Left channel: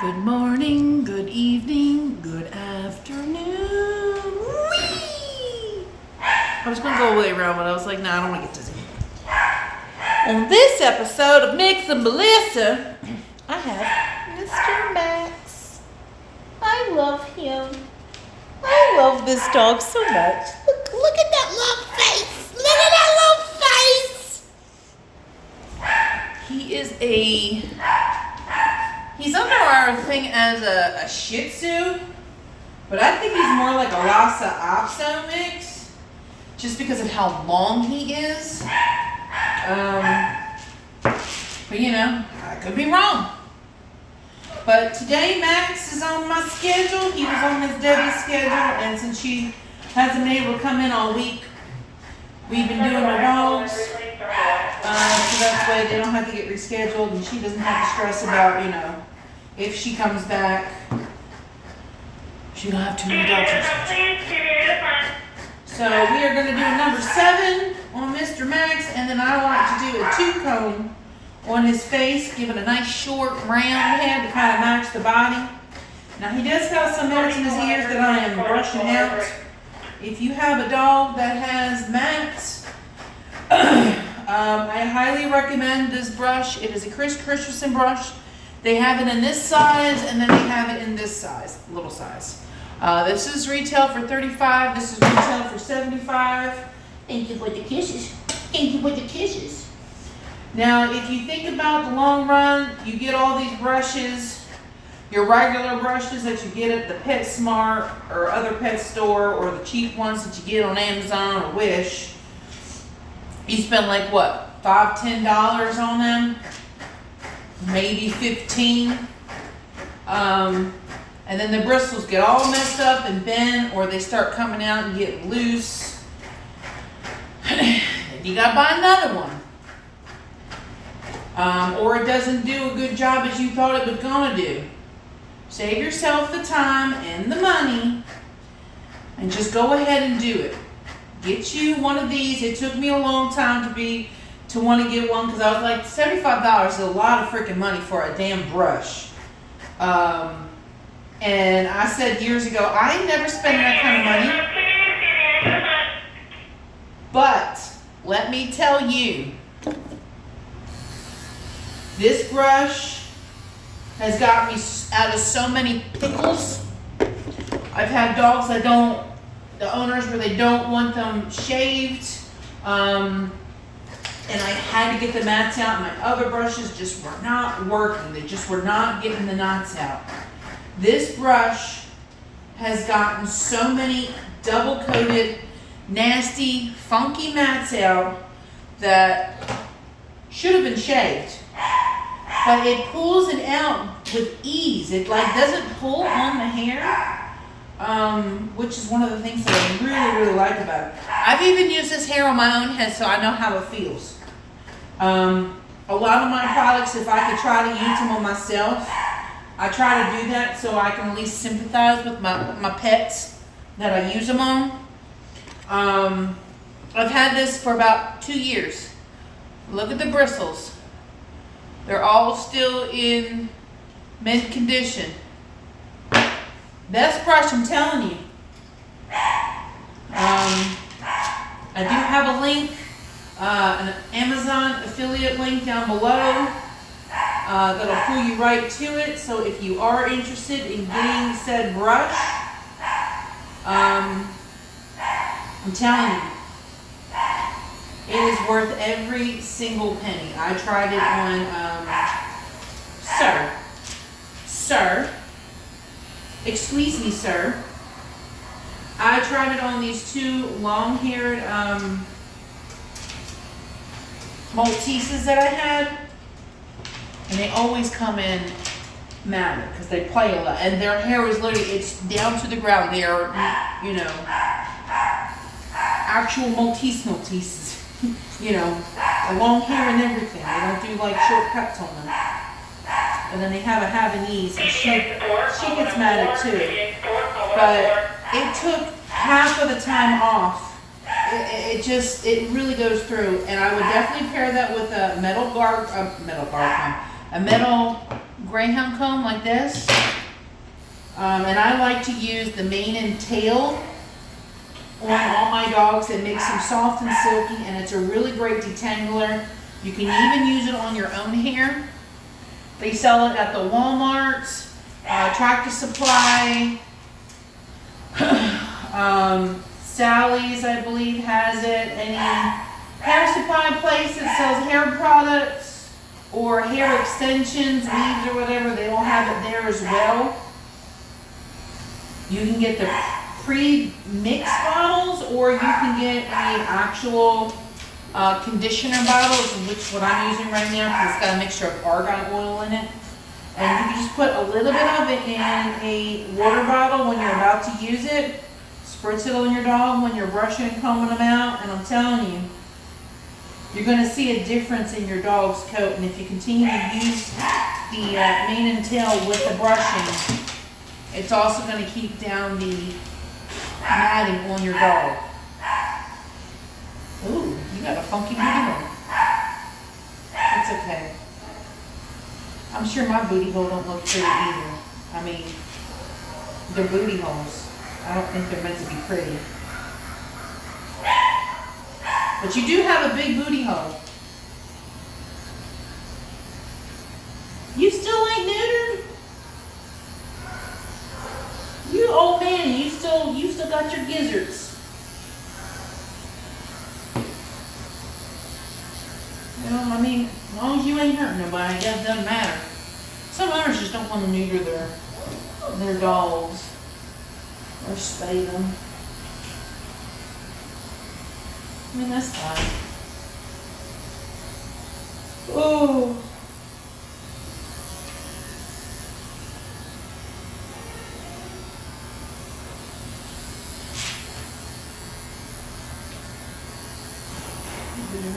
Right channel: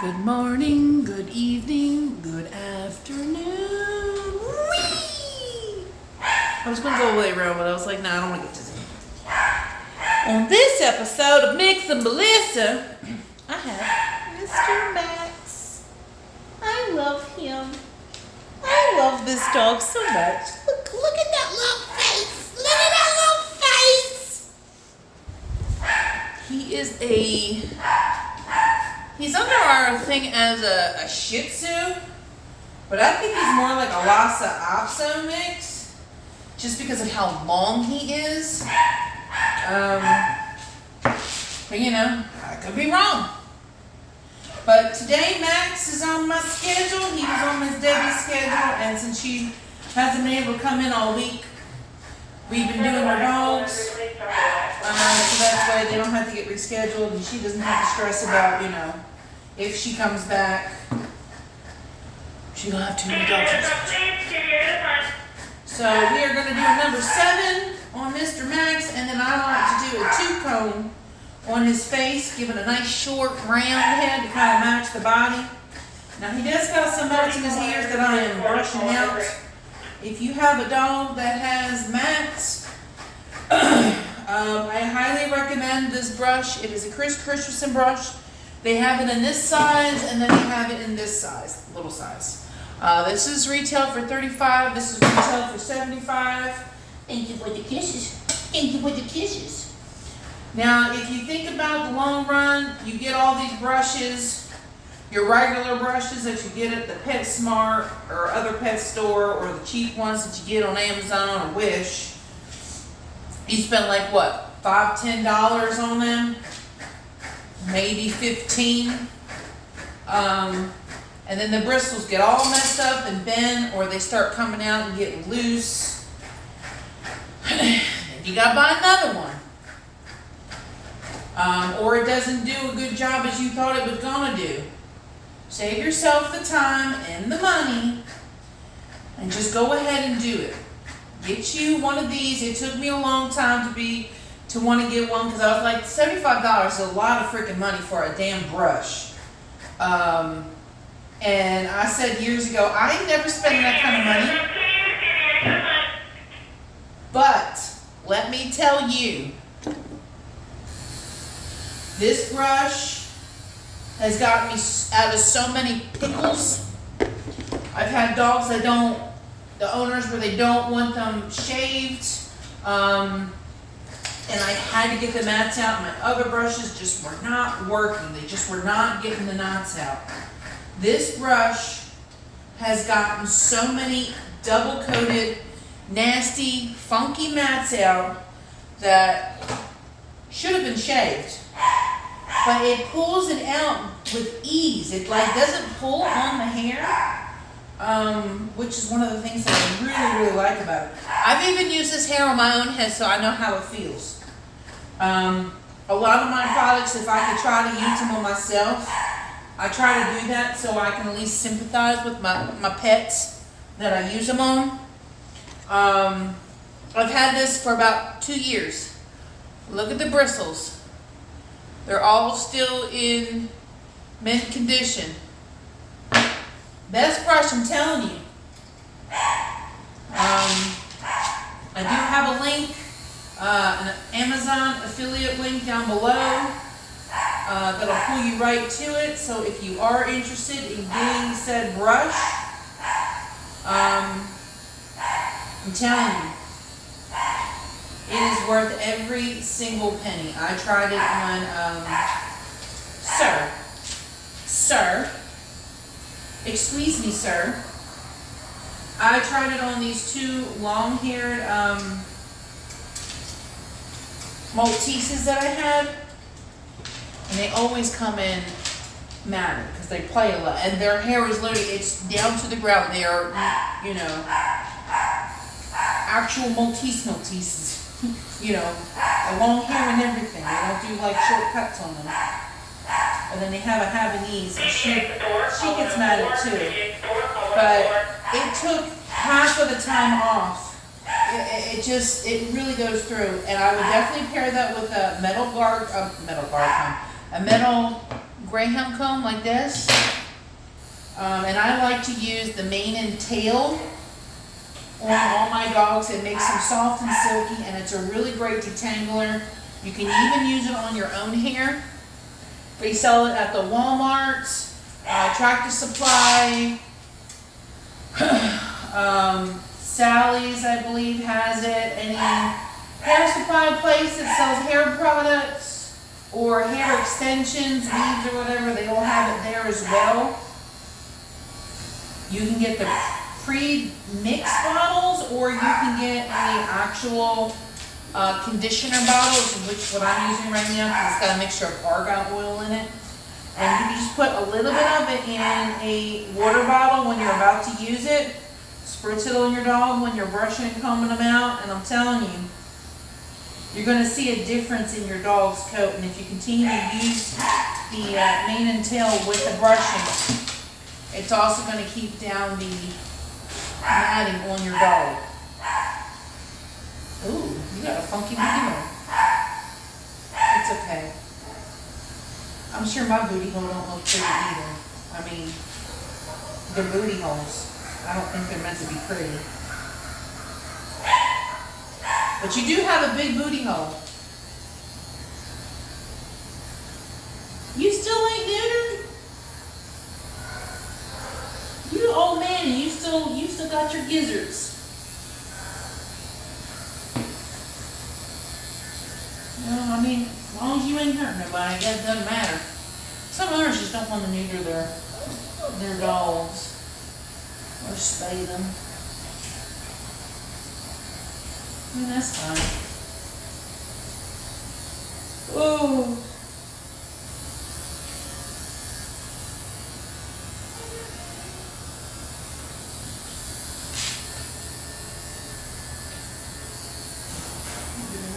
Good morning, good evening, good afternoon. Whee! I was going to go way around, but I was like, nah, I don't want to get dizzy. On this episode of Mix and Melissa, I have Mr. Max. I love him. I love this dog so much. Look at that little face. Look at that little face. He's under our thing as a Shih Tzu, but I think he's more like a Lhasa Apso mix, just because of how long he is. But you know, I could be wrong. But today Max is on my schedule. He was on Miss Debbie's schedule, and since she hasn't been able to come in all week, we've been doing her dogs. So that's why they don't have to get rescheduled, and she doesn't have to stress about, you know, if she comes back, she'll have too many dogs. So we are going to do a number 7 on Mr. Max, and then I like to do a 2-comb on his face, give it a nice short round head to kind of match the body. Now he does have some mats in his ears that I am brushing out. If you have a dog that has mats, I highly recommend this brush. It is a Chris Christensen brush. They have it in this size, and then they have it in this size, little size. This is retail for $35. This is retail for $75. Thank you for the kisses. Thank you for the kisses. Now, if you think about the long run, you get all these brushes, your regular brushes that you get at the PetSmart or other pet store, or the cheap ones that you get on Amazon or Wish. You spend like what, $5, $10 on them? Maybe 15. And then the bristles get all messed up and bent, or they start coming out and get loose. You gotta buy another one. Or it doesn't do a good job as you thought it was gonna do. Save yourself the time and the money and just go ahead and do it. Get you one of these. It took me a long time to want to get one, because I was like, $75 is a lot of freaking money for a damn brush. And I said years ago, I ain't never spending that kind of money. But let me tell you, this brush has got me out of so many pickles. I've had dogs the owners where they don't want them shaved. And I had to get the mats out. My other brushes just were not working. They just were not getting the knots out. This brush has gotten so many double-coated, nasty, funky mats out that should have been shaved. But it pulls it out with ease. It like doesn't pull on the hair, which is one of the things that I really, really like about it. I've even used this hair on my own head, so I know how it feels. A lot of my products, if I could try to use them on myself, I try to do that so I can at least sympathize with my pets that I use them on. I've had this for about 2 years. Look at the bristles. They're all still in mint condition. Best brush, I'm telling you. I do have a link, an Amazon affiliate link down below that'll pull you right to it. So if you are interested in getting said brush, I'm telling you, it is worth every single penny. I tried it on, Sir, excuse me, sir. I tried it on these 2 long-haired Malteses that I had, and they always come in matted because they play a lot, and their hair is literally, it's down to the ground. They are, you know, actual Malteses, you know, a long hair and everything. They don't do like short cuts on them. And then they have a Havanese, and she gets matted too. But it took half of the time off. It really goes through, and I would definitely pair that with a metal greyhound comb like this. And I like to use the mane and tail on all my dogs. It makes them soft and silky, and it's a really great detangler. You can even use it on your own hair. They sell it at the Walmarts, Tractor Supply. Sally's, I believe, has it. Any hair supply place that sells hair products or hair extensions, weaves or whatever, they all have it there as well. You can get the pre-mixed bottles, or you can get an actual conditioner bottle, which is what I'm using right now, because it's got a mixture of argan oil in it. And you can just put a little bit of it in a water bottle when you're about to use it. Spritz it on your dog when you're brushing and combing them out, and I'm telling you, you're going to see a difference in your dog's coat. And if you continue to use the mane and tail with the brushing, it's also going to keep down the matting on your dog. Ooh, you got a funky booty hole. It's okay. I'm sure my booty hole don't look pretty either. I mean, they're booty holes. I don't think they're meant to be pretty. But you do have a big booty hole. You still ain't neutered? You old man, and you still got your gizzards. Well, I mean, as long as you ain't hurting nobody, that doesn't matter. Some owners just don't want to neuter their dogs or spay them. I mean, that's fine. Oh.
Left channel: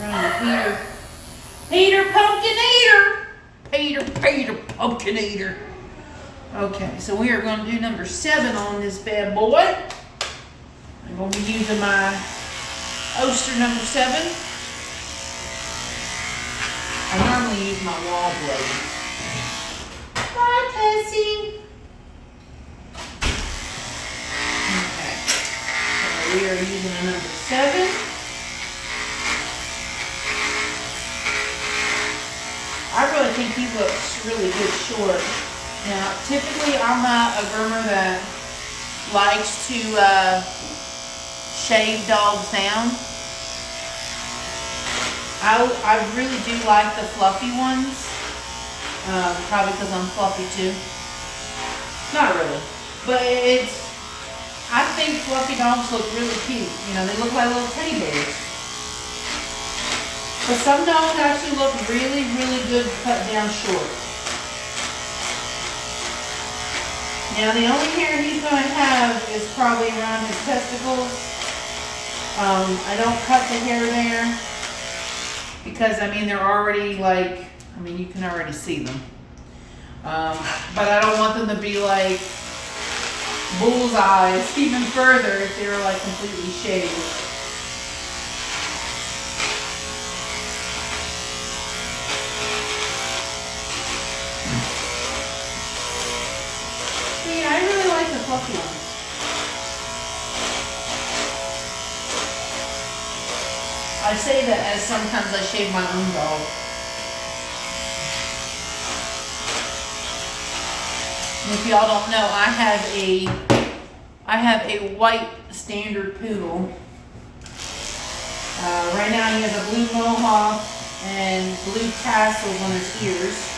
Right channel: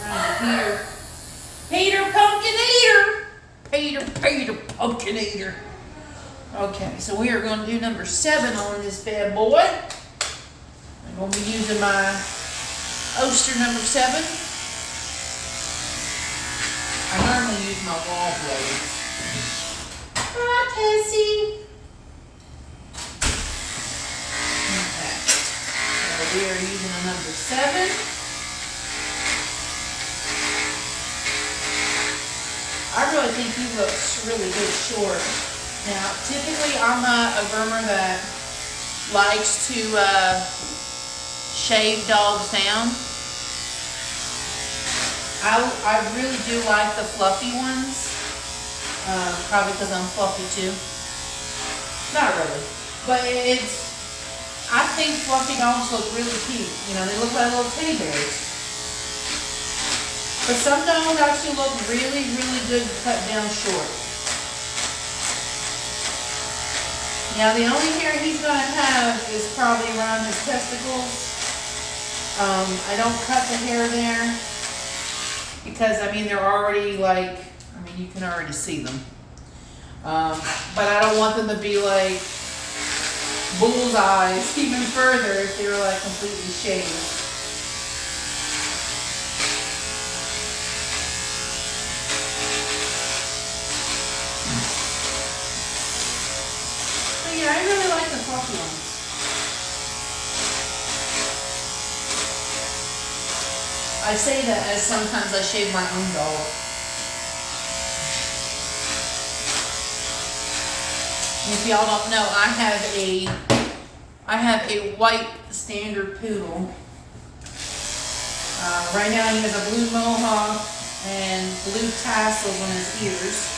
Around Peter Pumpkinator. Peter Pumpkinator. Okay, so we are going to do number 7 on this bad boy. I'm going to be using my Oster number 7. I normally use my wall blade. Hi, Tessie. Okay, so we are using a number 7. I really think he looks really good short. Now, typically I'm not a groomer that likes to shave dogs down. I really do like the fluffy ones. Probably because I'm fluffy too. Not really. But I think fluffy dogs look really cute. You know, they look like little teddy bears. But some dogs actually look really, really good cut down short. Now the only hair he's going to have is probably around his testicles. I don't cut the hair there because, I mean, they're already like, I mean, you can already see them. But I don't want them to be like bullseyes even further if they were like completely shaved. I really like the fluffy ones. I say that as sometimes I shave my own dog. And if y'all don't know, I have a white standard poodle. Right now he has a blue mohawk and blue tassels on his ears.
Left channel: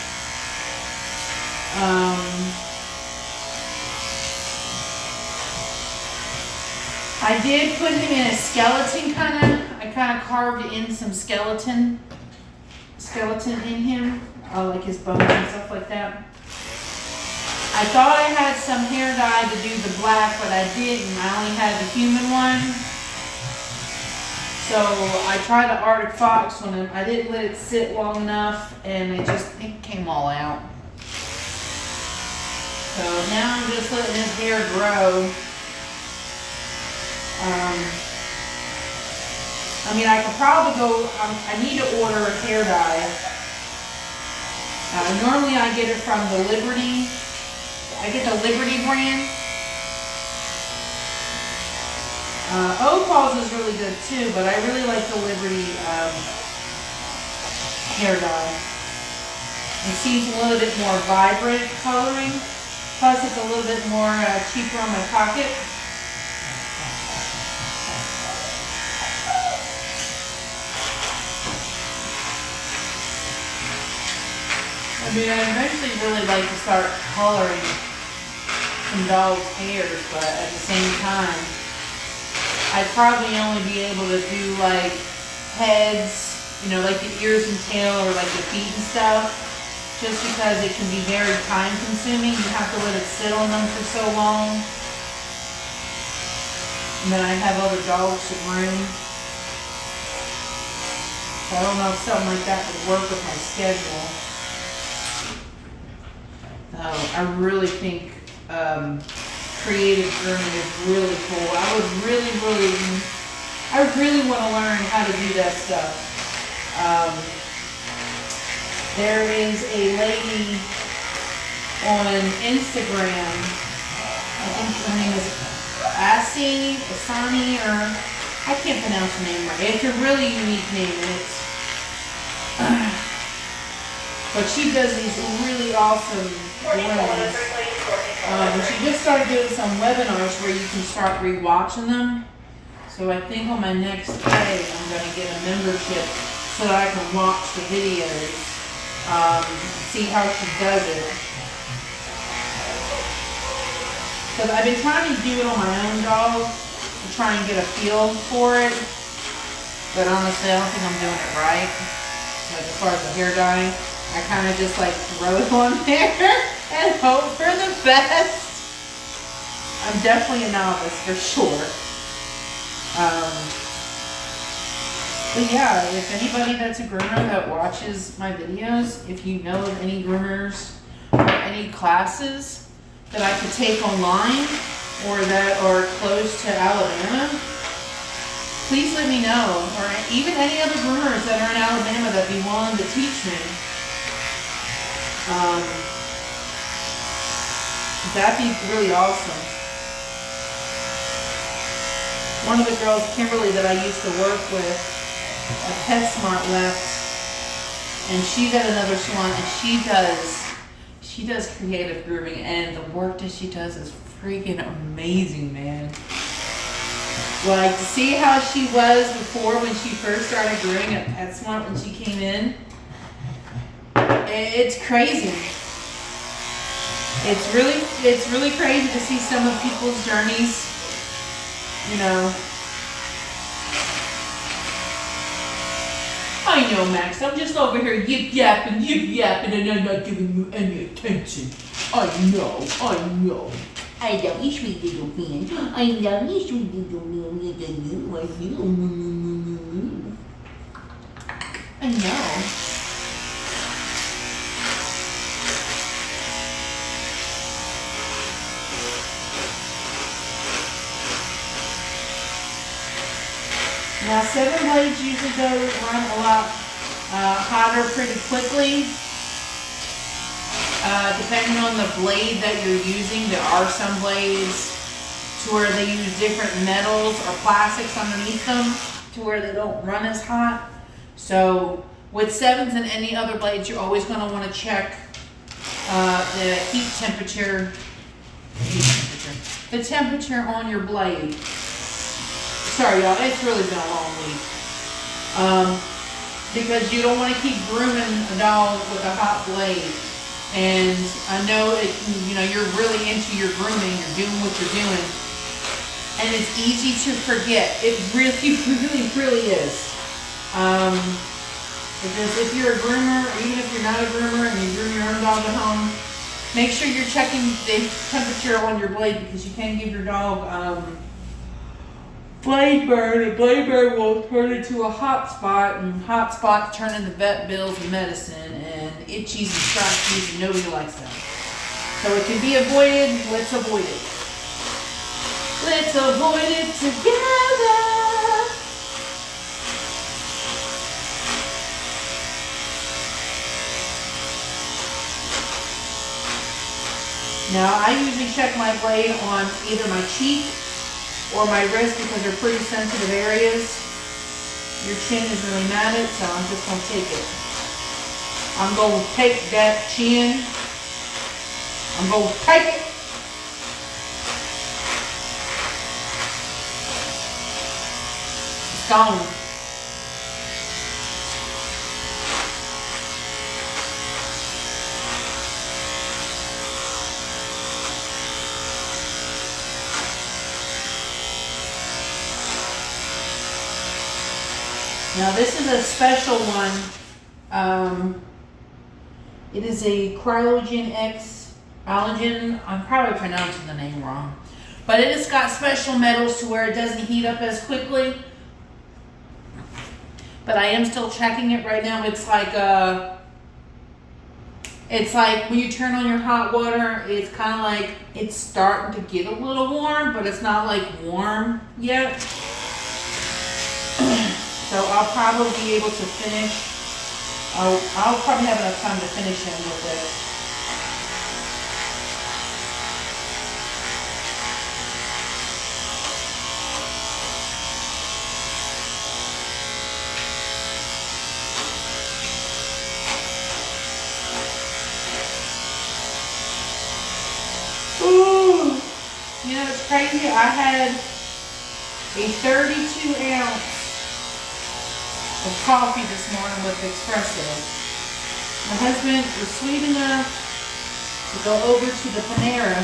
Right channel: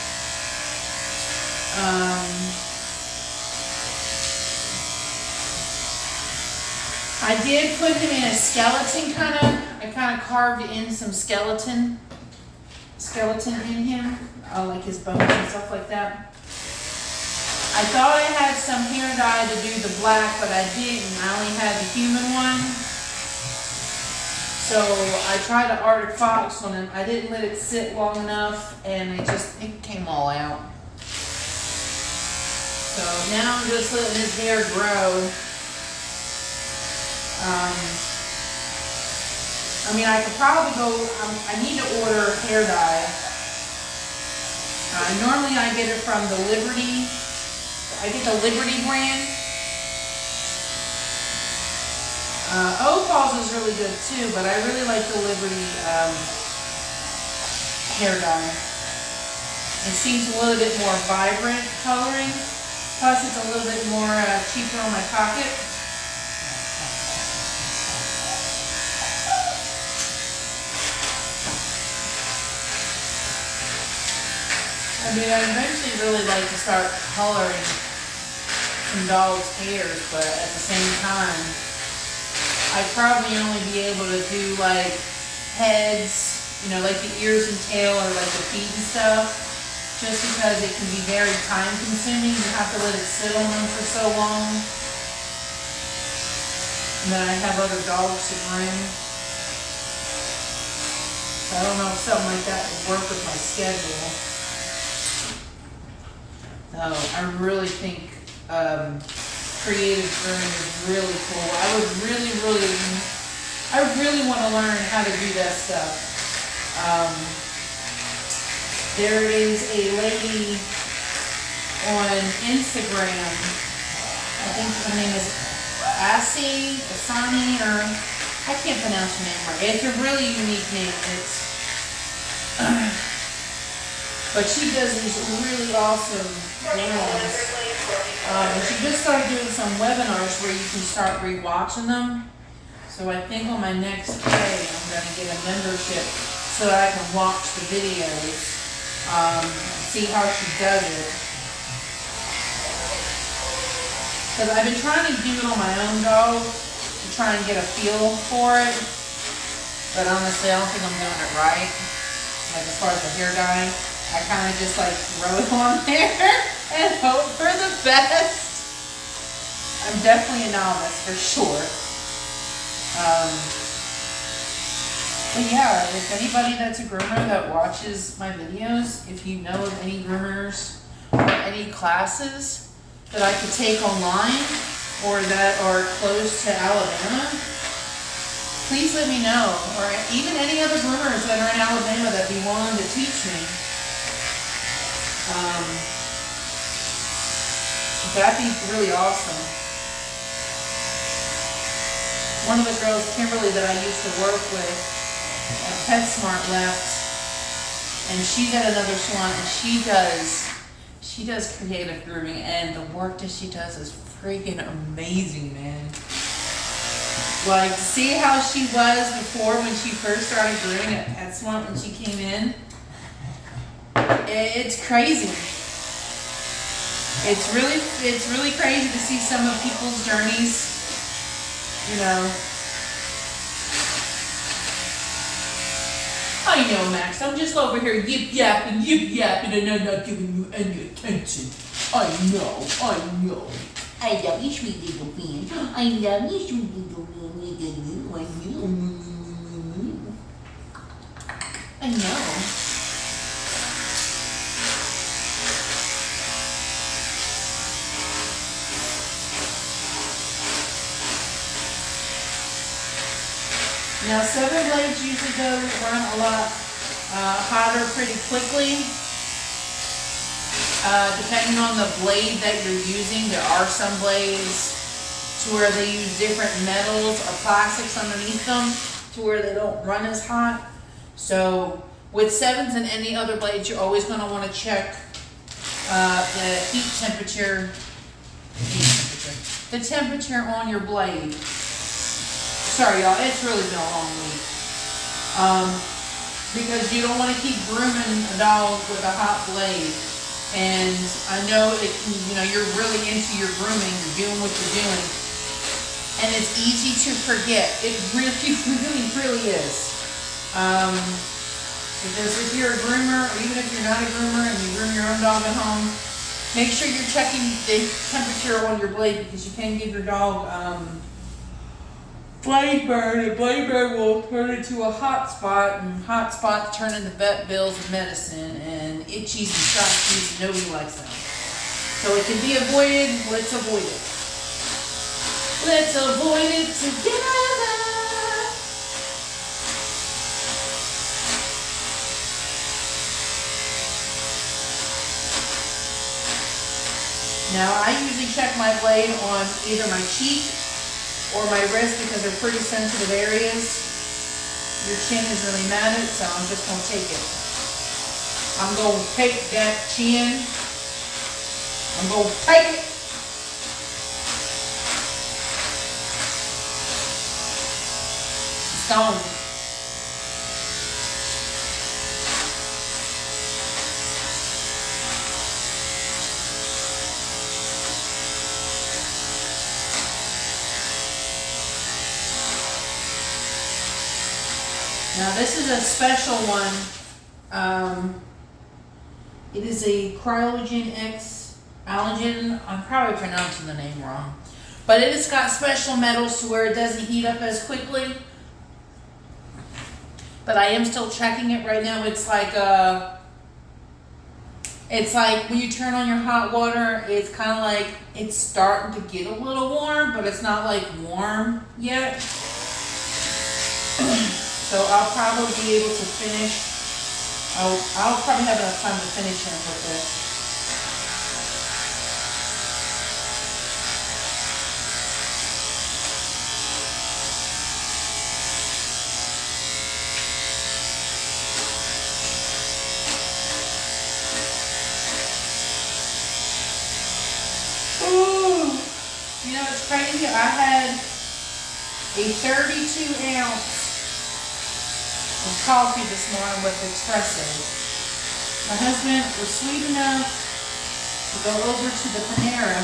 I did put him in a skeleton I kind of carved in some skeleton in him, like his bones and stuff like that. I thought I had some hair dye to do the black, but I didn't. I only had the human one. So I tried the Arctic Fox on him. I didn't let it sit long enough, and it came all out. So now I'm just letting his hair grow. I mean, I could probably go, I need to order hair dye Normally I get it from the Liberty. I get the Liberty brand. Opal's is really good too, but I really like the Liberty hair dye. It seems a little bit more vibrant coloring. Plus it's a little bit more cheaper on my pocket. I mean, I eventually really like to start coloring some dogs' hairs, but at the same time, I'd probably only be able to do like heads, you know, like the ears and tail or like the feet and stuff, just because it can be very time consuming. You have to let it sit on them for so long. And then I have other dogs to groom. So I don't know if something like that would work with my schedule. So I really think creative grooming is really cool. I really want to learn how to do that stuff. There is a lady on Instagram, I think her name is Asani, or I can't pronounce her name right. It's a really unique name. But she does these really awesome grooms. She just started doing some webinars where you can start rewatching them. So I think on my next pay, I'm going to get a membership so that I can watch the videos, see how she does it. Because I've been trying to do it on my own dog to try and get a feel for it. But honestly, I don't think I'm doing it right. Like as far as the hair dyeing, I kind of just like throw it on there and hope for the best. I'm definitely a novice for sure. But yeah, if anybody that's a groomer that watches my videos, if you know of any groomers or any classes that I could take online or that are close to Alabama, please let me know. Or even any other groomers that are in Alabama that'd be willing to teach me. That'd be really awesome. One of the girls, Kimberly, that I used to work with at PetSmart left, and she's at another salon, and she does creative grooming, and the work that she does is freaking amazing, man. Like, to see how she was before when she first started grooming at PetSmart when she came in, it's crazy. It's really crazy to see some of people's journeys, you know. I know, Max, I'm just over here yip-yapping, and I'm not giving you any attention. I know. I love you, sweet little man. I love you, sweet little man. I know. Now 7 blades usually run a lot hotter pretty quickly. Depending on the blade that you're using, there are some blades to where they use different metals or plastics underneath them to where they don't run as hot. So with 7s and any other blades, you're always going to want to check the heat temperature, the temperature on your blade. Sorry, y'all, it's really been a long week. Because you don't want to keep grooming a dog with a hot blade. And I know it, you know, you're really into your grooming, you're doing what you're doing. And it's easy to forget. It really is. Because if you're a groomer, or even if you're not a groomer and you groom your own dog at home, make sure you're checking the temperature on your blade, because you can give your dog blade burn, and blade burn will turn into a hot spot, and hot spots turn into vet bills and medicine, and itchies and scratchies, and nobody likes them. So it can be avoided. Let's avoid it. Let's avoid it together. Now, I usually check my blade on either my cheek or my wrist because they're pretty sensitive areas. Your chin is really matted, so I'm just going to take it. I'm going to take that chin. I'm going to take it. It's gone. Now this is a special one. It is a Cryogen X Allergen. I'm probably pronouncing the name wrong. But it has got special metals to where it doesn't heat up as quickly. But I am still checking it right now. It's like when you turn on your hot water, it's kind of like it's starting to get a little warm, but it's not like warm yet. So I'll probably be able to finish. I'll probably have enough time to finish him with this. Ooh, you know it's crazy. I had a 32 ounce of coffee this morning with espresso. My husband was sweet enough to go over to the Panera,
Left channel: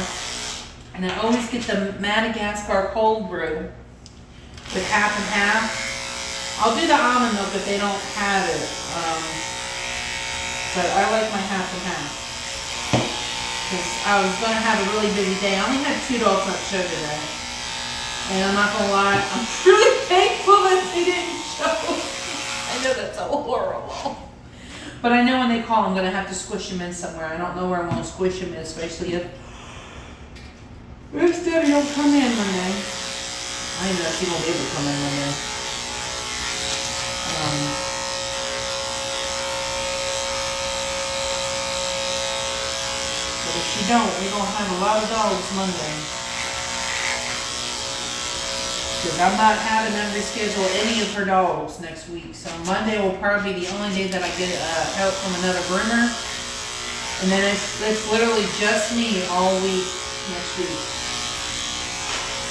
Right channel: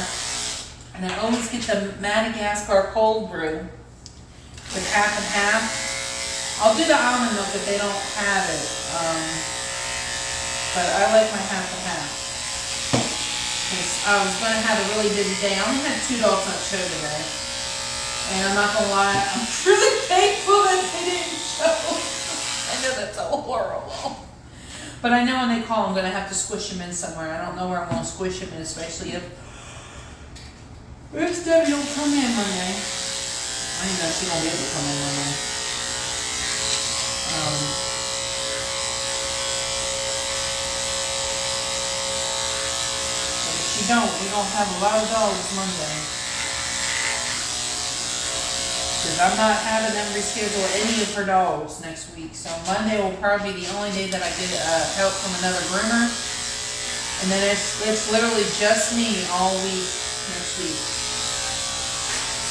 and I always get the Madagascar cold brew with half and half. I'll do the almond milk if they don't have it, but I like my half and half. Because I was going to have a really busy day. I only had 2 dogs nut show today. And I'm not going to lie, I'm really thankful that they didn't show. I know that's so horrible. But I know when they call, I'm going to have to squish them in somewhere. I don't know where I'm going to squish them in, especially if Debbie don't come in Monday. I know she won't be able to come in Monday. But if she don't, we're going to have a lot of dogs Monday. Because I'm not having them reschedule any of her dogs next week. So Monday will probably be the only day that I get help from another groomer. And then it's literally just me all week next week.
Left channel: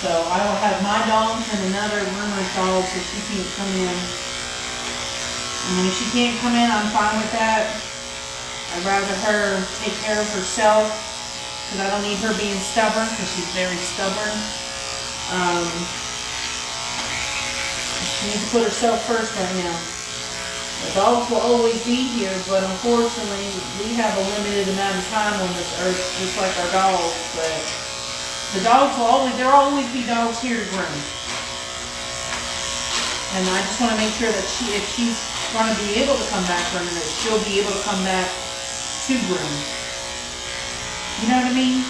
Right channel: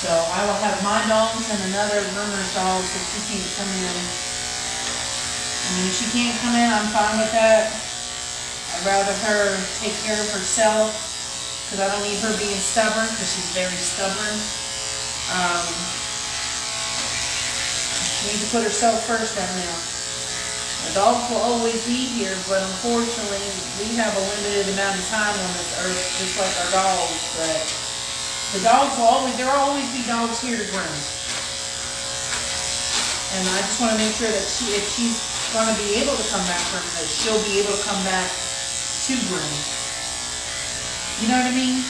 So I will have my dogs and another groomer's dog so she can't come in. I mean, if she can't come in, I'm fine with that. I'd rather her take care of herself because I don't need her being stubborn because she's very stubborn. She needs to put herself first right now. The dogs will always be here, but unfortunately, we have a limited amount of time on this earth, just like our dogs. But the dogs will always be dogs here to groom. And I just want to make sure that if she's going to be able to come back grooming, that she'll be able to come back to groom. You know what I mean?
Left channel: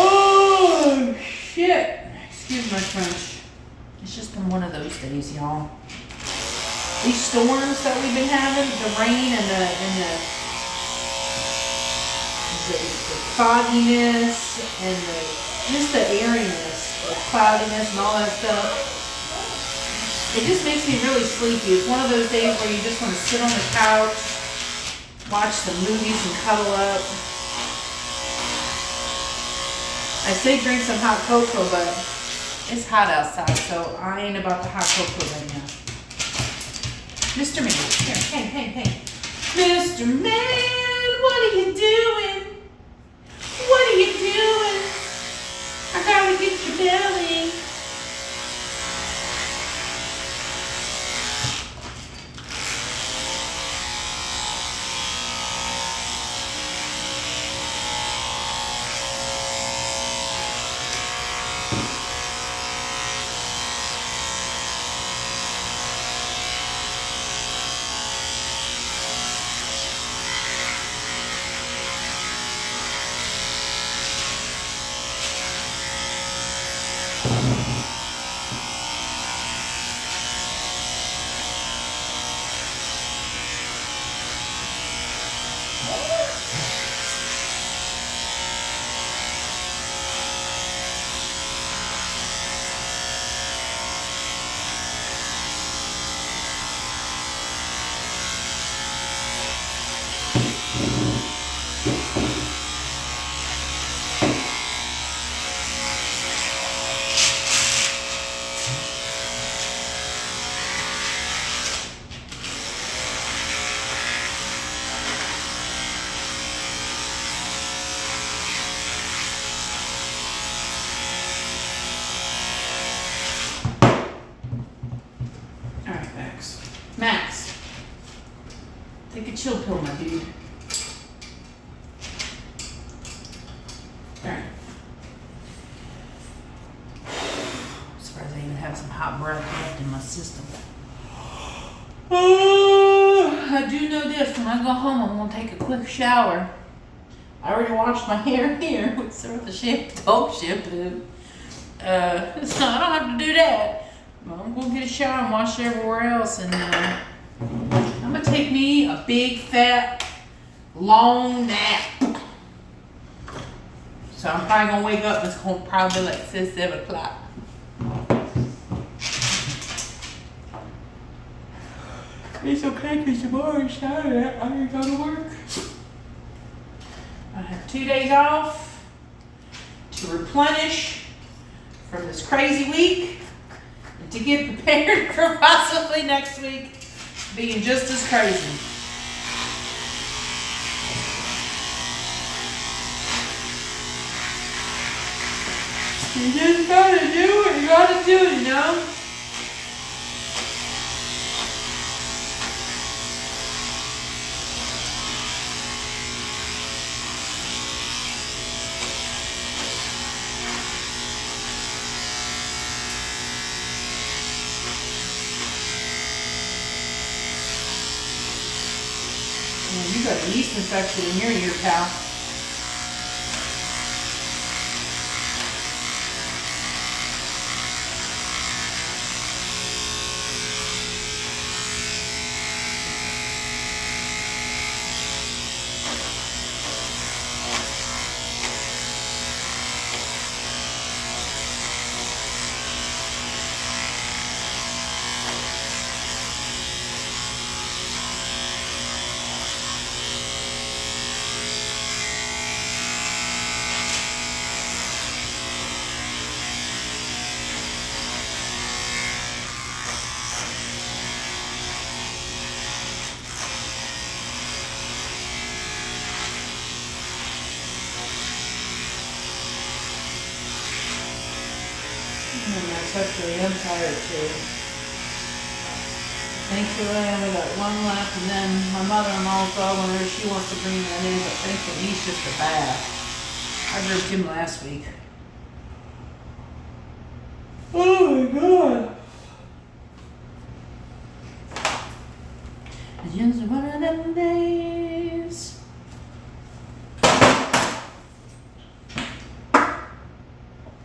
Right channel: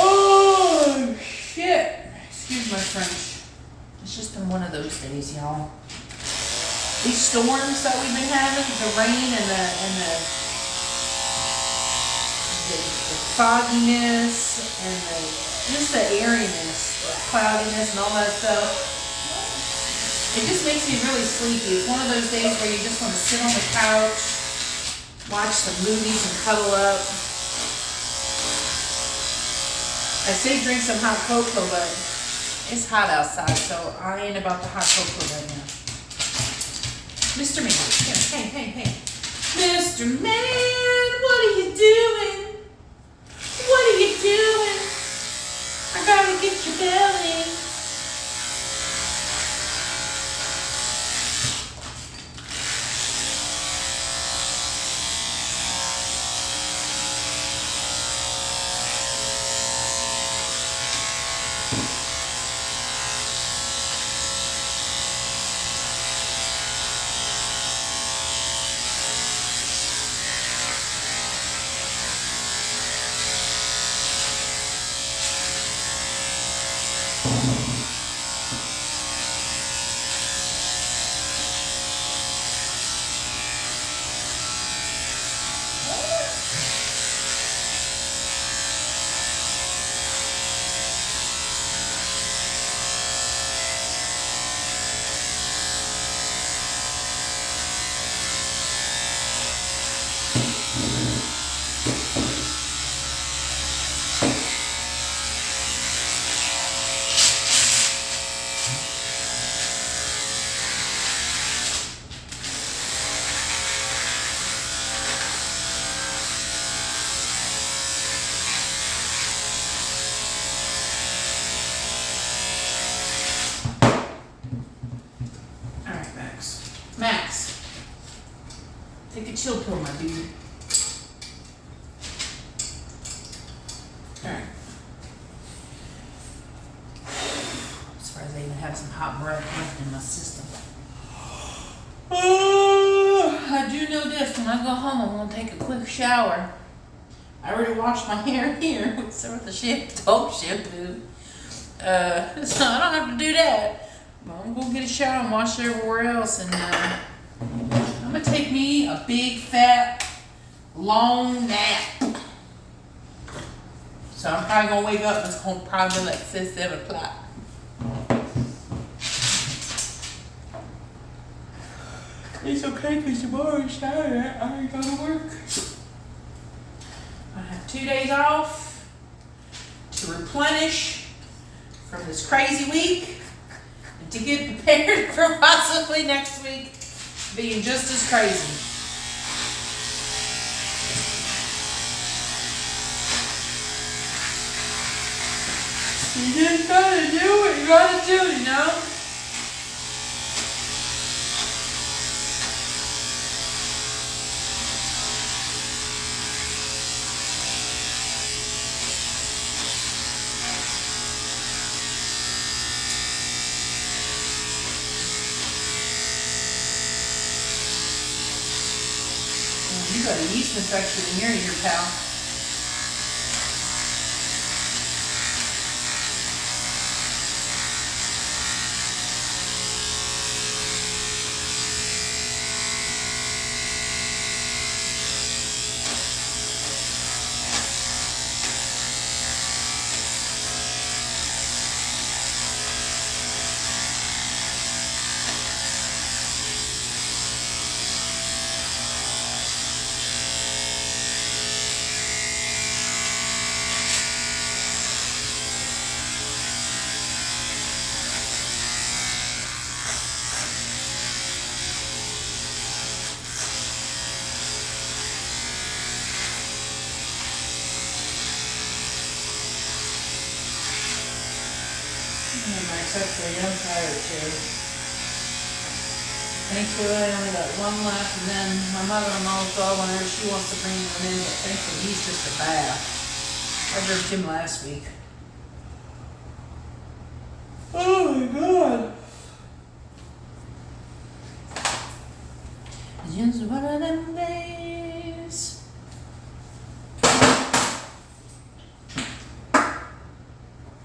Oh, shit. Excuse my French. It's just been one of those days, y'all. These storms that we've been having, the rain and the fogginess and just the airiness, the cloudiness and all that stuff. It just makes me really sleepy. It's one of those days where you just want to sit on the couch, watch some movies and cuddle up. I say drink some hot cocoa, but it's hot outside, so I ain't about the hot cocoa right now. Mr. Man, here, hey. Mr. Man, what are you doing? What are you doing? I gotta get your belly. Take a chill pill, my dude. Alright. I'm surprised I even have some hot breath left in my system. I do know this, when I go home I'm gonna take a quick shower. I already washed my hair here with the dog shampoo. So I don't have to do that. But I'm gonna get a shower and wash everywhere else, and I'm gonna take me a big fat long nap. So I'm probably gonna wake up, it's gonna probably be like 6, 7 o'clock. It's okay, because tomorrow is Saturday. I ain't go to work. I have 2 days off to replenish from this crazy week and to get prepared for possibly next week being just as crazy. You just gotta do what you gotta do, you know? You got a yeast infection in your ear, pal. Actually, I'm tired too. Thankfully, I only got one left, and then my mother-in-law's dog, whenever she wants to bring him in, but thankfully he's just a bath. I drove him last week. Oh my god. It's just one of them days.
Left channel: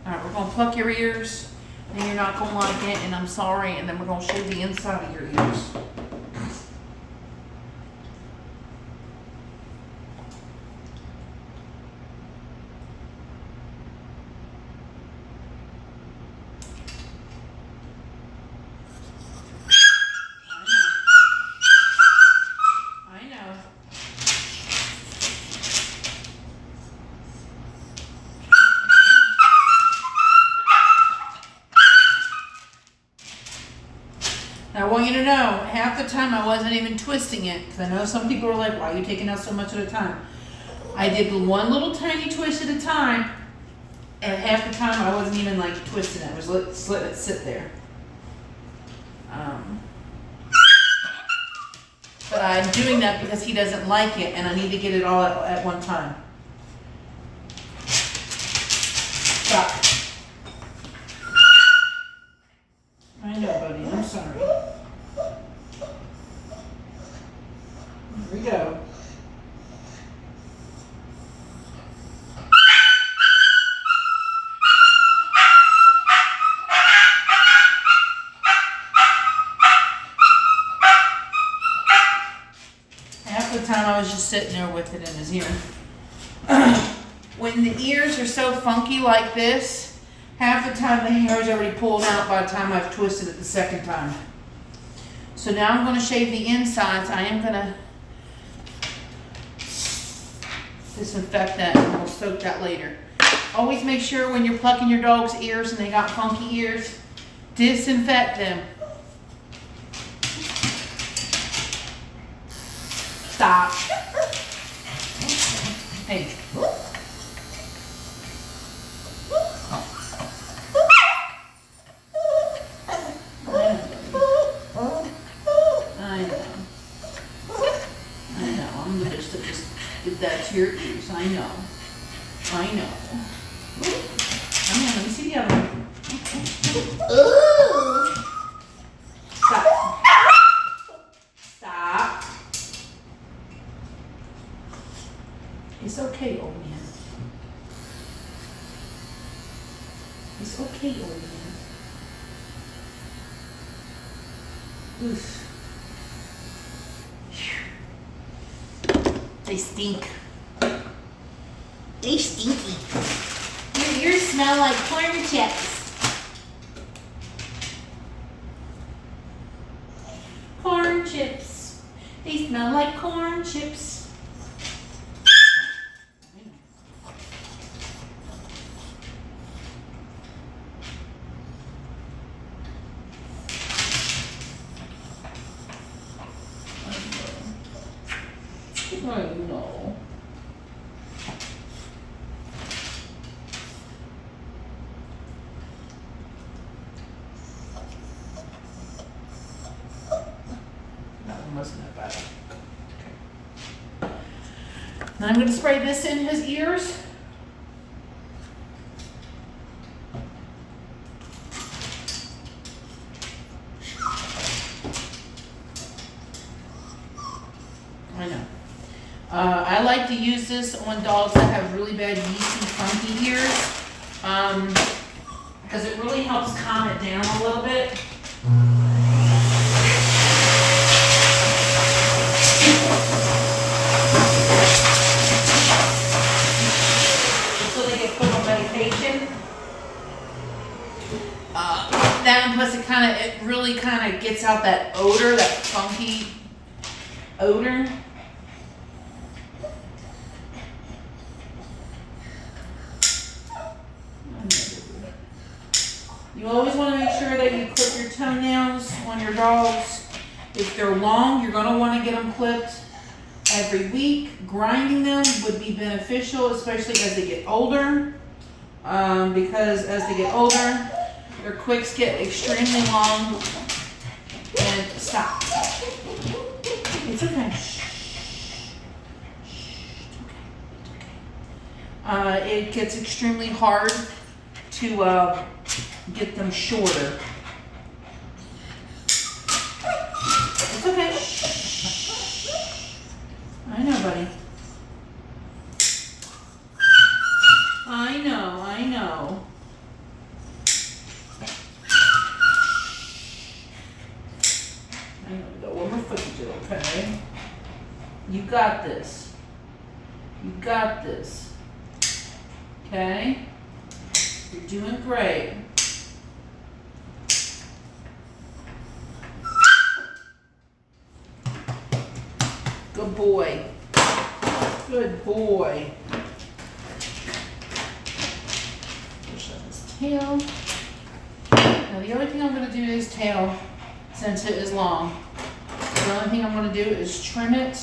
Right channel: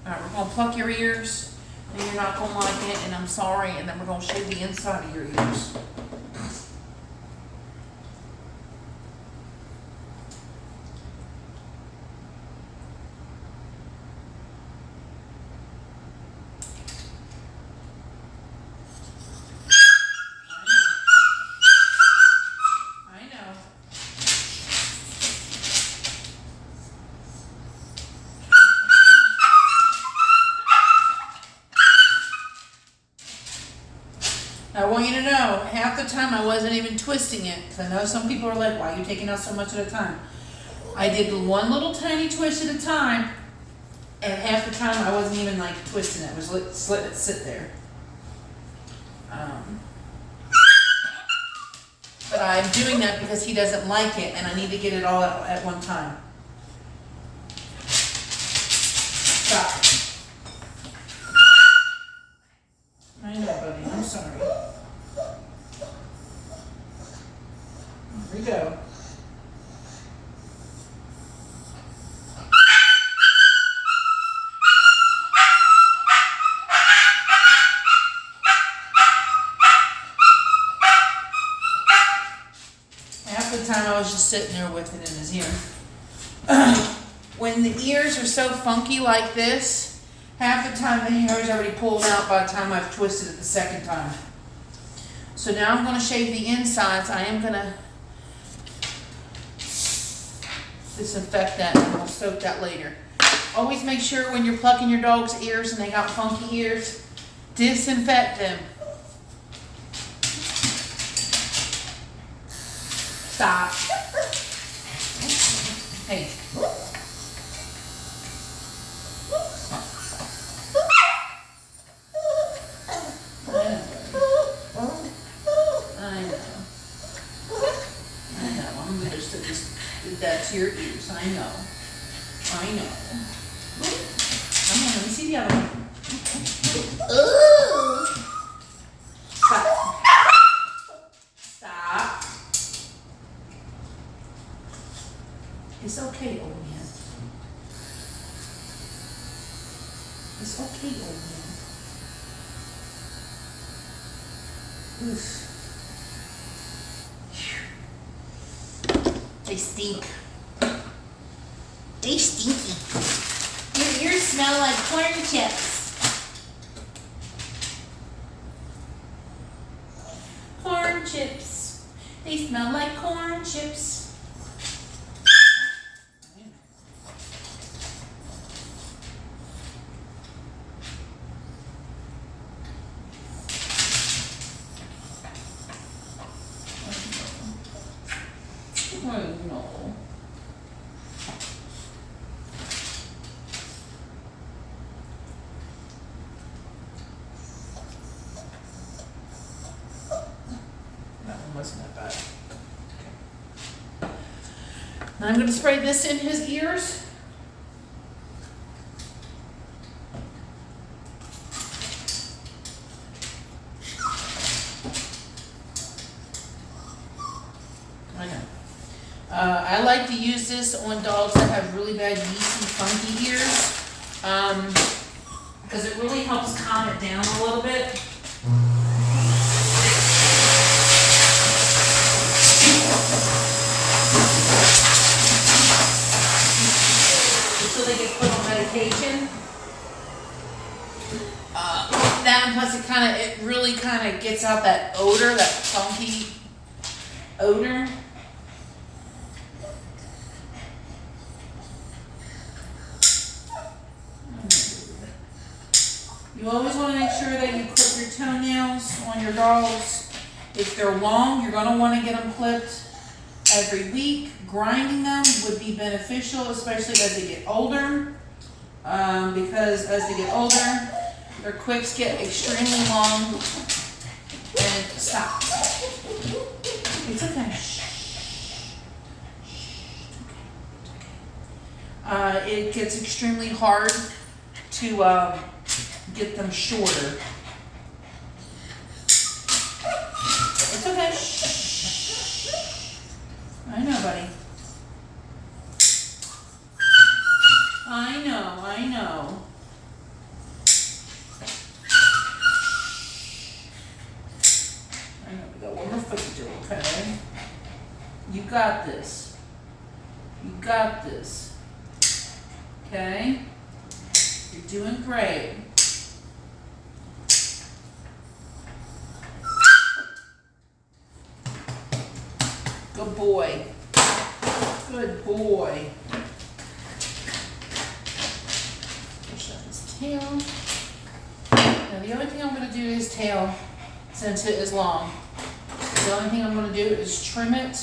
Alright, we're gonna pluck your ears. And you're not going to like it, and I'm sorry, and then we're going to shave the inside of your ears. I know. I want you to know, half the time I wasn't even twisting it, because I know some people are like, why are you taking out so much at a time? I did one little tiny twist at a time, and half the time I wasn't even like twisting it. I was letting it sit there. But I'm doing that because he doesn't like it, and I need to get it all at one time. Stop. I know, buddy. I'm sorry. Here we go. Half the time I was just sitting there with it in his ear. When the ears are so funky like this, half the time the hair is already pulled out by the time I've twisted it the second time. So now I'm going to shave the insides. I am going to disinfect that, and we'll soak that later. Always make sure when you're plucking your dog's ears and they got funky ears, disinfect them. Stop. Hey. I know. did that to your ears. I know. I know. Come on, let me see the other one. Ooh. Stop. Stop. It's okay, old man. It's okay, old man. Oof. They stink. They stinky. Your ears smell like corn chips. Corn chips. They smell like corn chips. I know. That one wasn't that bad. Okay. Now I'm going to spray this in his ears. I know. I like to use this on dogs that have really bad yeasty, funky ears, because it really helps calm it down a little bit. Until they get put on medication. That and plus it really kind of gets out that odor, that funky odor. You always want to make sure that you clip your toenails on your dogs. If they're long, you're going to want to get them clipped every week. Grinding them would be beneficial, especially as they get older, because as they get older, their quicks get extremely long. And stop. It's okay. It gets extremely hard to get them shorter. It's okay. I know, buddy. I know, I know. I know, we got one more foot to do, okay? You got this. You got this. Okay? You're doing great. Good boy. Good boy. Push up his tail. Now the only thing I'm going to do to his tail, since it is long, the only thing I'm going to do is trim it.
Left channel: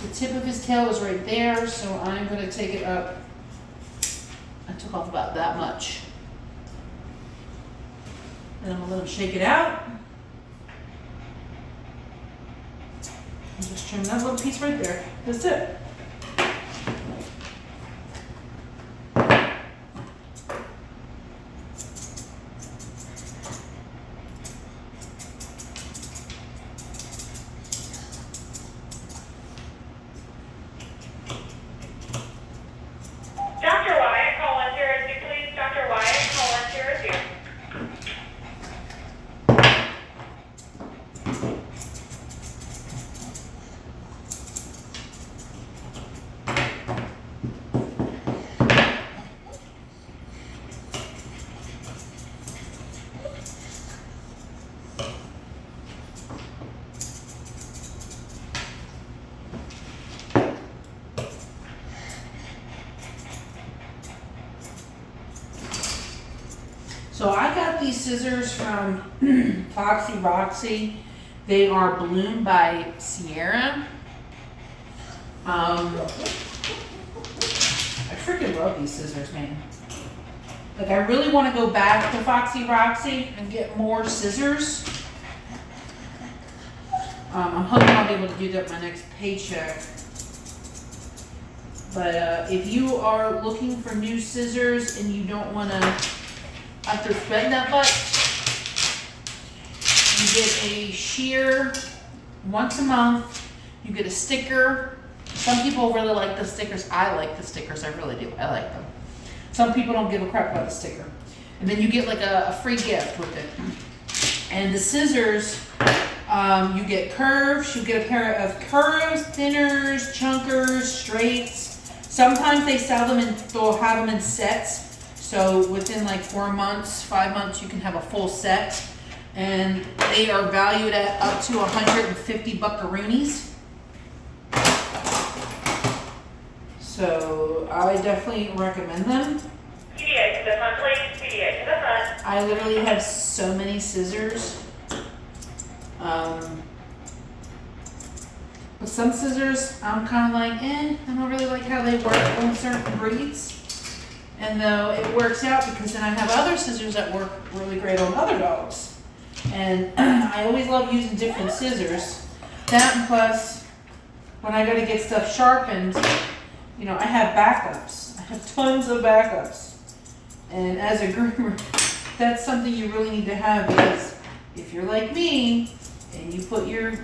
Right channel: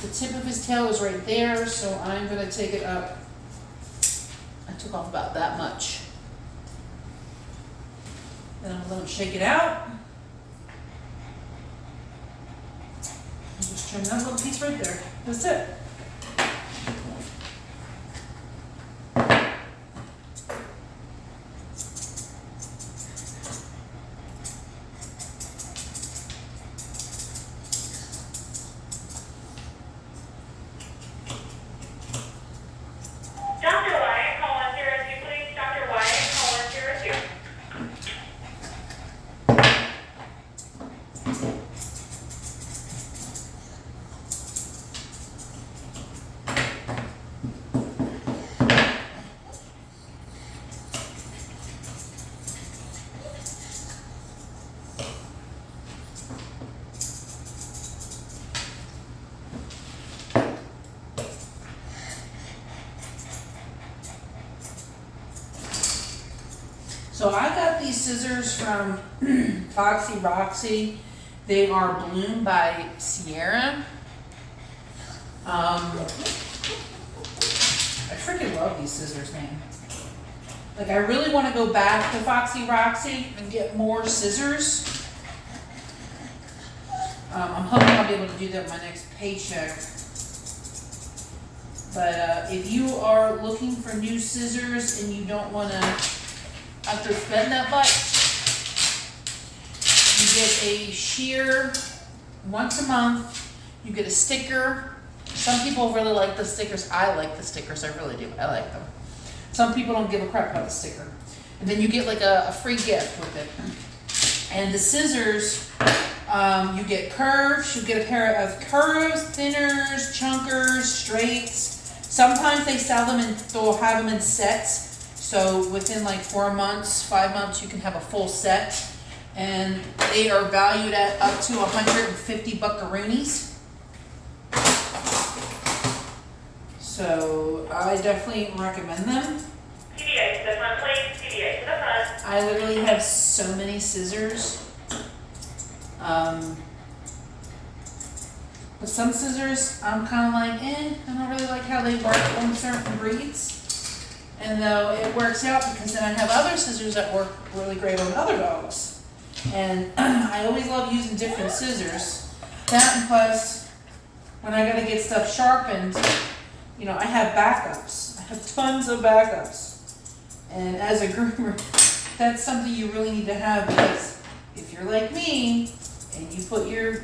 The tip of his tail is right there, so I'm going to take it up. I took off about that much. Then I'm going to let him shake it out. And just trim that little piece right there. That's it. So I got these scissors from Foxy Roxy. They are Bloom by Sierra. I freaking love these scissors, man. Like, I really want to go back to Foxy Roxy and get more scissors. I'm hoping I'll be able to do that my next paycheck. But if you are looking for new scissors and you don't want to have to spend that much, you get a shear once a month. You get a sticker. Some people really like the stickers. I like the stickers. I really do. I like them. Some people don't give a crap about the sticker. And then you get like a free gift with it. And the scissors, you get curves. You get a pair of curves, thinners, chunkers, straights. Sometimes they sell them and they'll have them in sets. So within like 4 months, 5 months, you can have a full set. And they are valued at up to 150 buckaroonies. So I definitely recommend them. PDA to the front, please. PDA to the front. I literally have so many scissors. But some scissors, I'm kind of like, I don't really like how they work on certain breeds. And though it works out because then I have other scissors that work really great on other dogs. And I always love using different scissors. That and plus, when I got to get stuff sharpened, you know, I have backups. I have tons of backups. And as a groomer, that's something you really need to have because if you're like me and you put your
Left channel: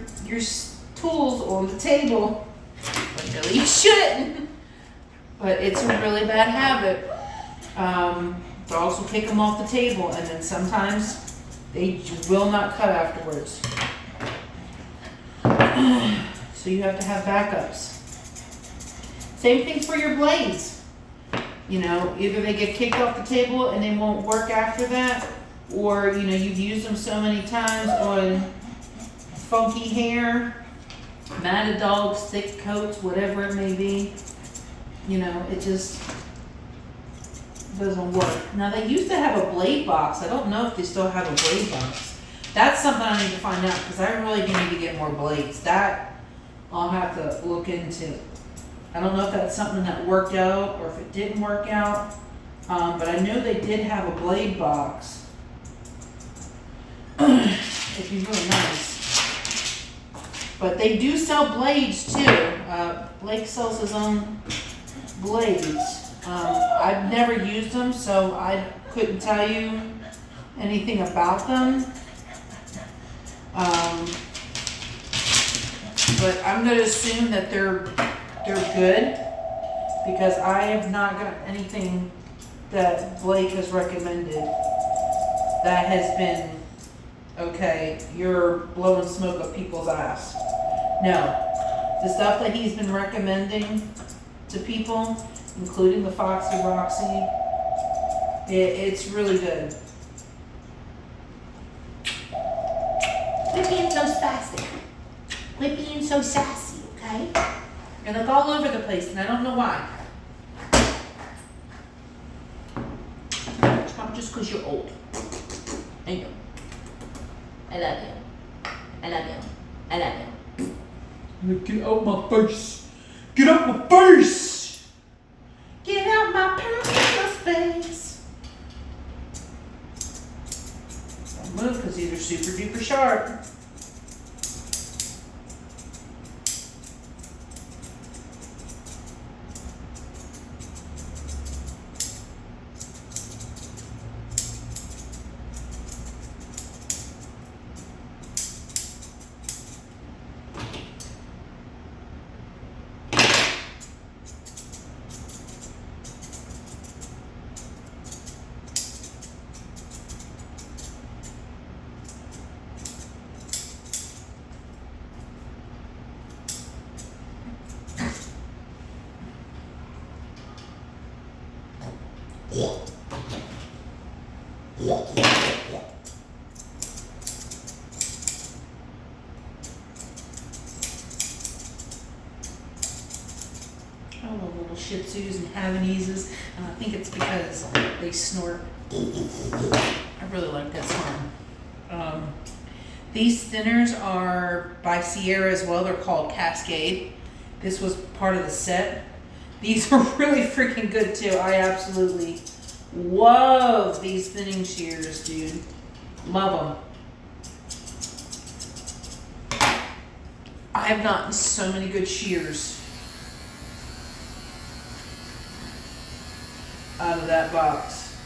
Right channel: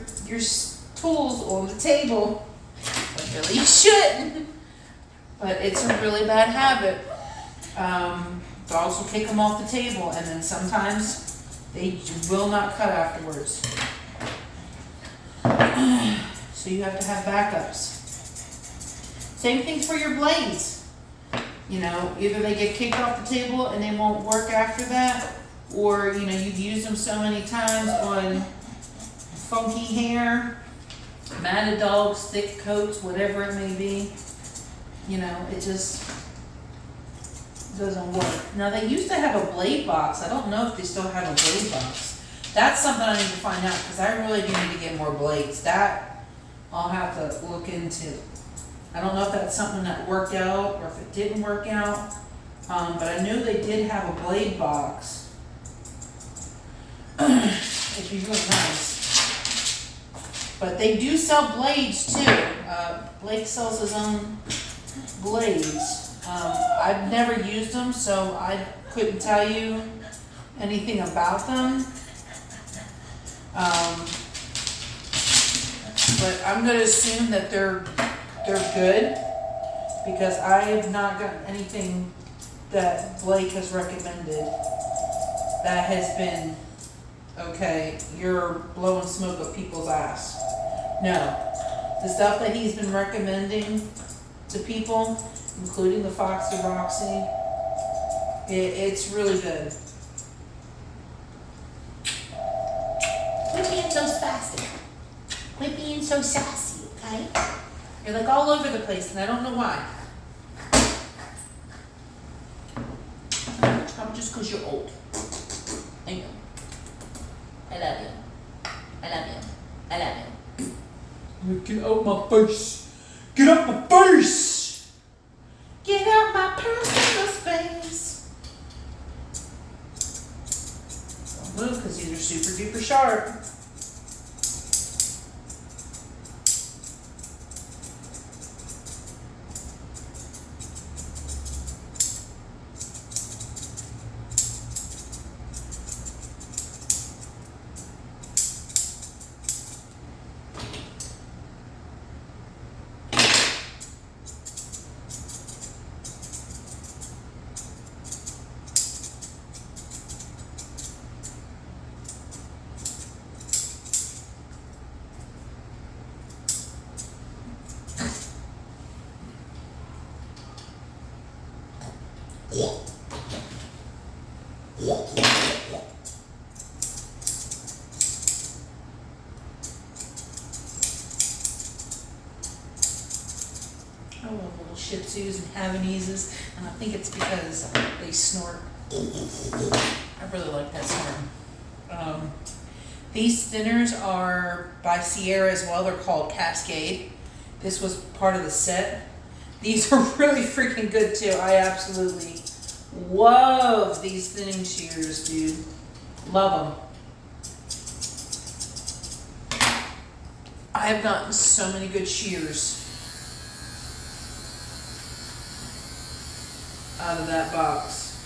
tools on the table, but really you shouldn't. But it's a really bad habit. Dogs will kick them off the table and then sometimes they will not cut afterwards. So you have to have backups. Same thing for your blades. You know, either they get kicked off the table and they won't work after that, or, you know, you've used them so many times on funky hair, matted dogs, thick coats, whatever it may be. You know, it just doesn't work. Now, they used to have a blade box. I don't know if they still have a blade box. That's something I need to find out because I really do need to get more blades. That I'll have to look into. I don't know if that's something that worked out or if it didn't work out, but I knew they did have a blade box. It'd be really nice. But they do sell blades too. Blake sells his own blades. I've never used them, so I couldn't tell you anything about them. But I'm going to assume that they're good because I have not gotten anything that Blake has recommended that has been, okay, you're blowing smoke up people's ass. No. The stuff that he's been recommending to people, including the Foxy Roxy, it's really good. Quit being so spastic. Quit being so sassy, okay? You're like all over the place and I don't know why. Probably just because you're old. I know. I love you. I love you. I love you. Get out my face. Get out my face. Get out my personal space. Don't move because these are super duper sharp. I love little Shih Tzus and Havanese, and I think it's because they snort. I really like that snort. These thinners are by Sierra as well. They're called Cascade. This was part of the set. These are really freaking good too. I absolutely love these thinning shears, dude. Love them. I have gotten so many good shears. out of that box.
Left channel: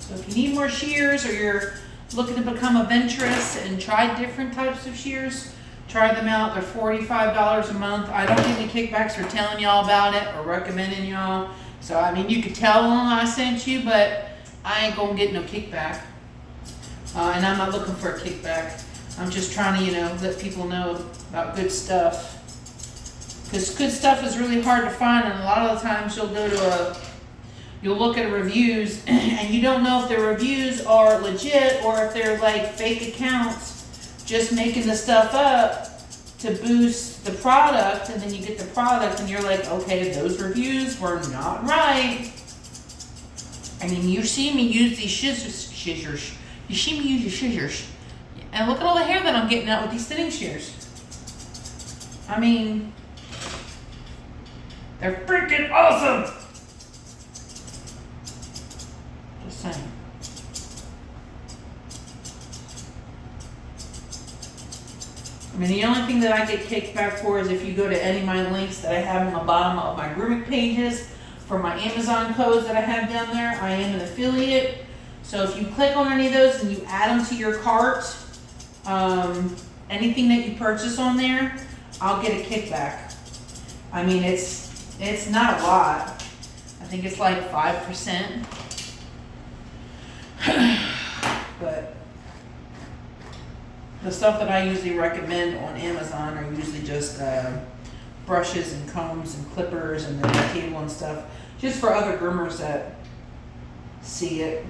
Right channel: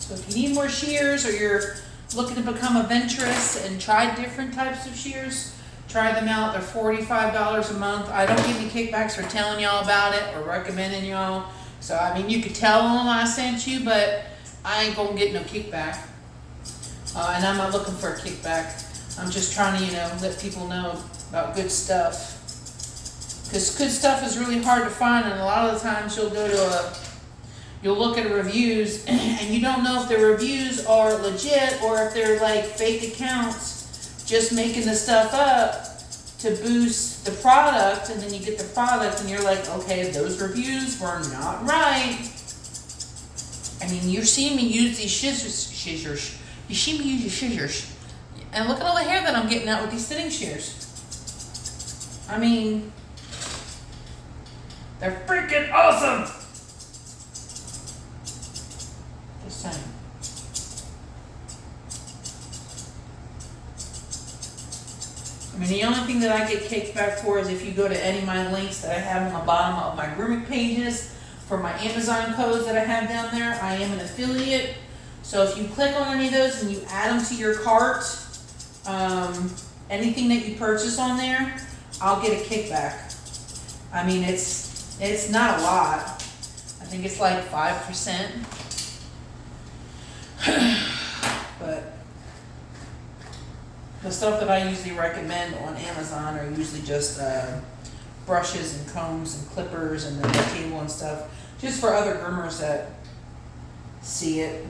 So if you need more shears, or you're looking to become adventurous and try different types of shears, try them out. They're $45 a month. I don't get any kickbacks for telling y'all about it or recommending y'all. So I mean, you could tell them I sent you, but I ain't gonna get no kickback. And I'm not looking for a kickback. I'm just trying to, let people know about good stuff. Because good stuff is really hard to find, and a lot of the times you'll look at reviews and you don't know if the reviews are legit or if they're like fake accounts just making the stuff up to boost the product, and then you get the product and you're like, okay, those reviews were not right. I mean, you see me use these scissors. You see me use your scissors. And look at all the hair that I'm getting out with these thinning shears. I mean, they're freaking awesome. Just saying. I mean, the only thing that I get kicked back for is if you go to any of my links that I have on the bottom of my grooming pages for my Amazon codes that I have down there. I am an affiliate. So if you click on any of those and you add them to your cart, anything that you purchase on there, I'll get a kickback. I mean, it's not a lot. I think it's like 5%. But the stuff that I usually recommend on Amazon are usually just brushes and combs and clippers and the table and stuff, just for other groomers that see it.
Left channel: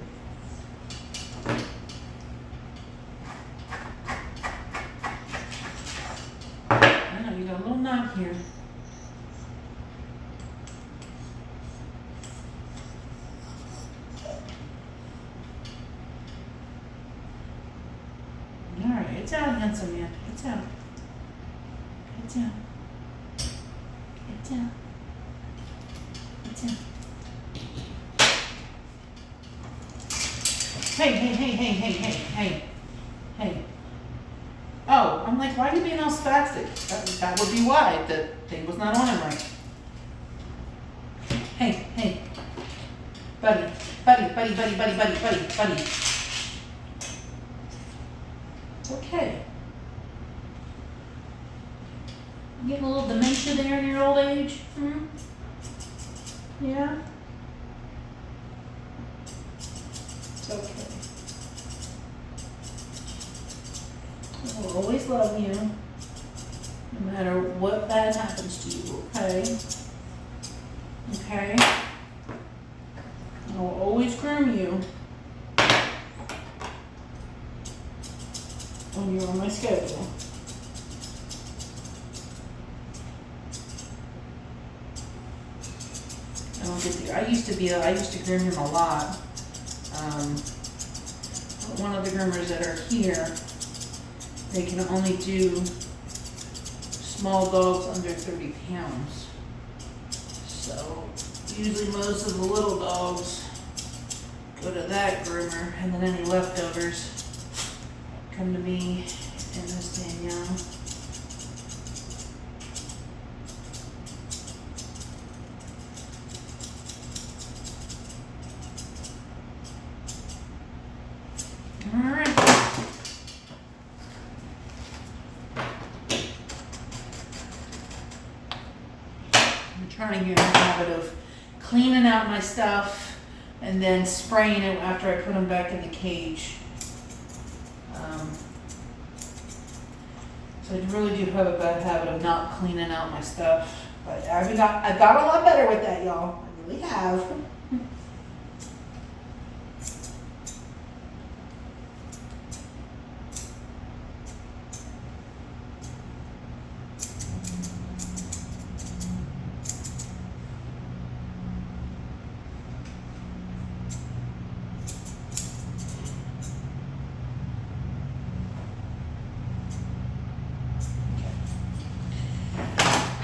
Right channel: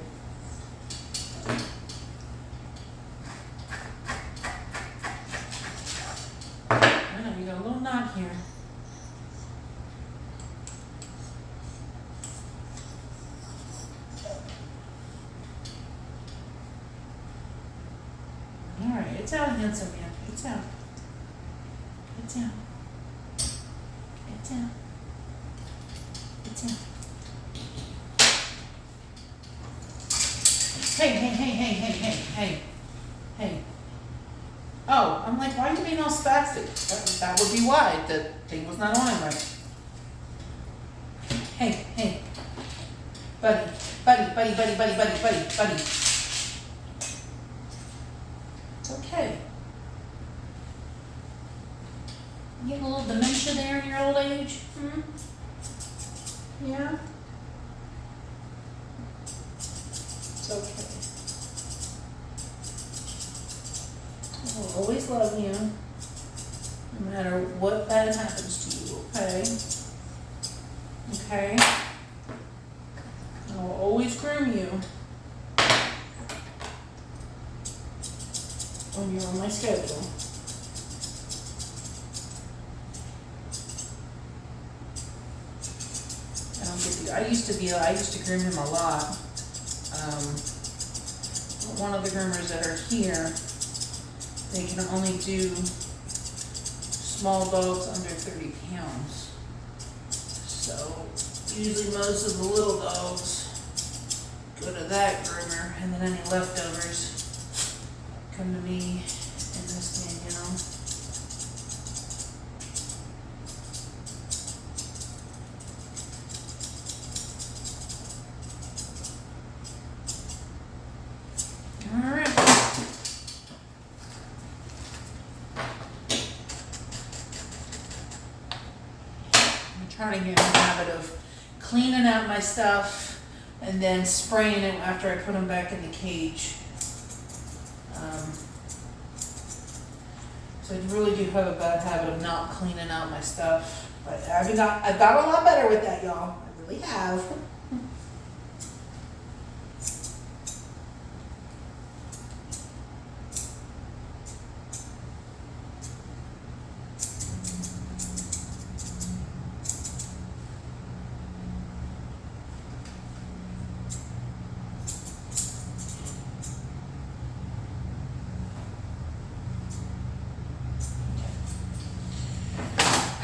I know, you got a little knot here. Alright, it's out, handsome man. It's out. It's out. It's out. It's out. Hey. Oh, I'm like, why are you being all spastic? That would be why. The thing was not on him right. Hey. Buddy. It's okay. You getting a little dementia there in your old age? Yeah? It's okay. I will always love you, no matter what bad happens to you, okay? Okay? I will always groom you when you're on my schedule. I don't get the, I used to groom him a lot. But one of the groomers that are here, they can only do small dogs under 30 pounds. So usually most of the little dogs go to that groomer, and then any leftovers come to me and Miss Danielle. All right. I'm trying to get in the habit of cleaning out my stuff and then spraying it after I put them back in the cage. So I really do have a bad habit of not cleaning out my stuff. But I've got a lot better with that, y'all. I really have.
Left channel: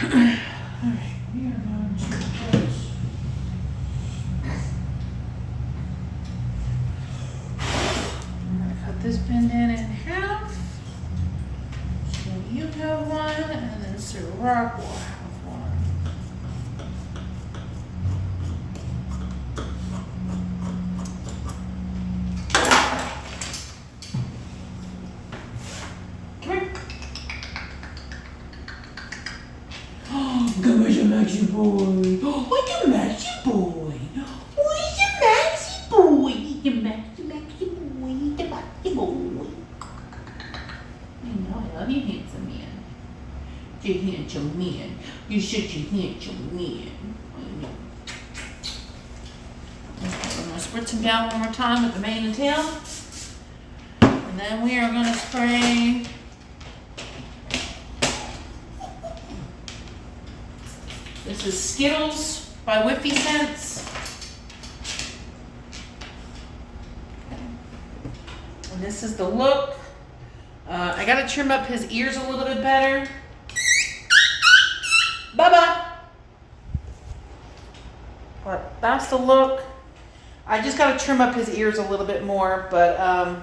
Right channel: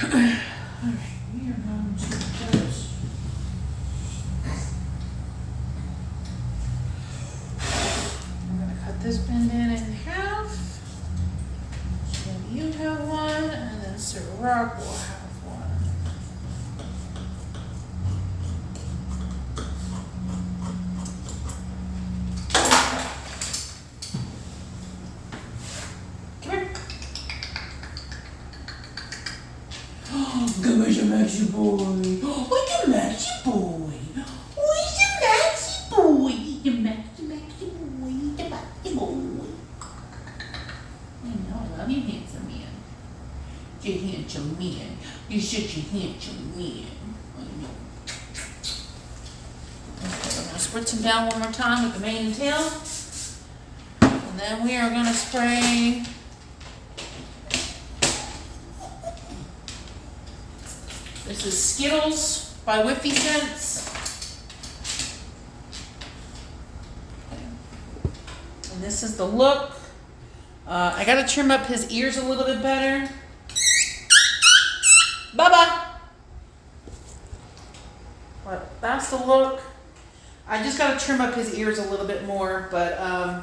Alright, we are going to put Maxie boy. Oh, it's a Maxie boy. Oh, it's a Maxie boy. It's a Maxie boy. It's a Maxie boy. I know, I love you, handsome man. You're a handsome man. You're such a handsome man. I know. Okay, I'm gonna spritz him down one more time with the mane and tail. And then we are gonna spray this is Skittles by Whiffy Scents. And this is the look. I gotta trim up his ears a little bit better. Bubba! But that's the look. I just gotta trim up his ears a little bit more, but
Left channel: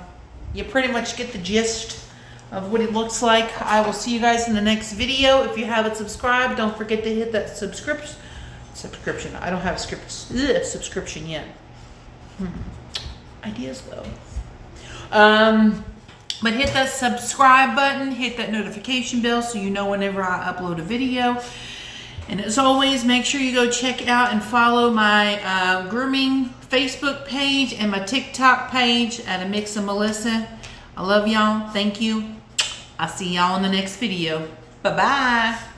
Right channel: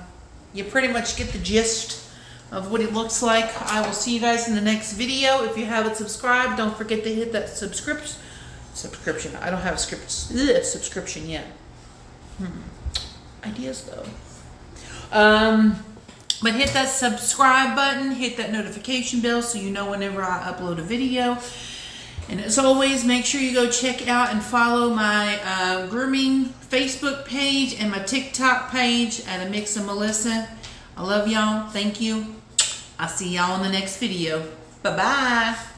you pretty much get the gist of what it looks like. I will see you guys in the next video. If you haven't subscribed, don't forget to hit that subscription. I don't have a subscription yet. Ideas though. But hit that subscribe button, hit that notification bell so you know whenever I upload a video. And as always, make sure you go check out and follow my grooming Facebook page and my TikTok page at A Mix of Melissa. I love y'all. Thank you. I'll see y'all in the next video. Bye-bye.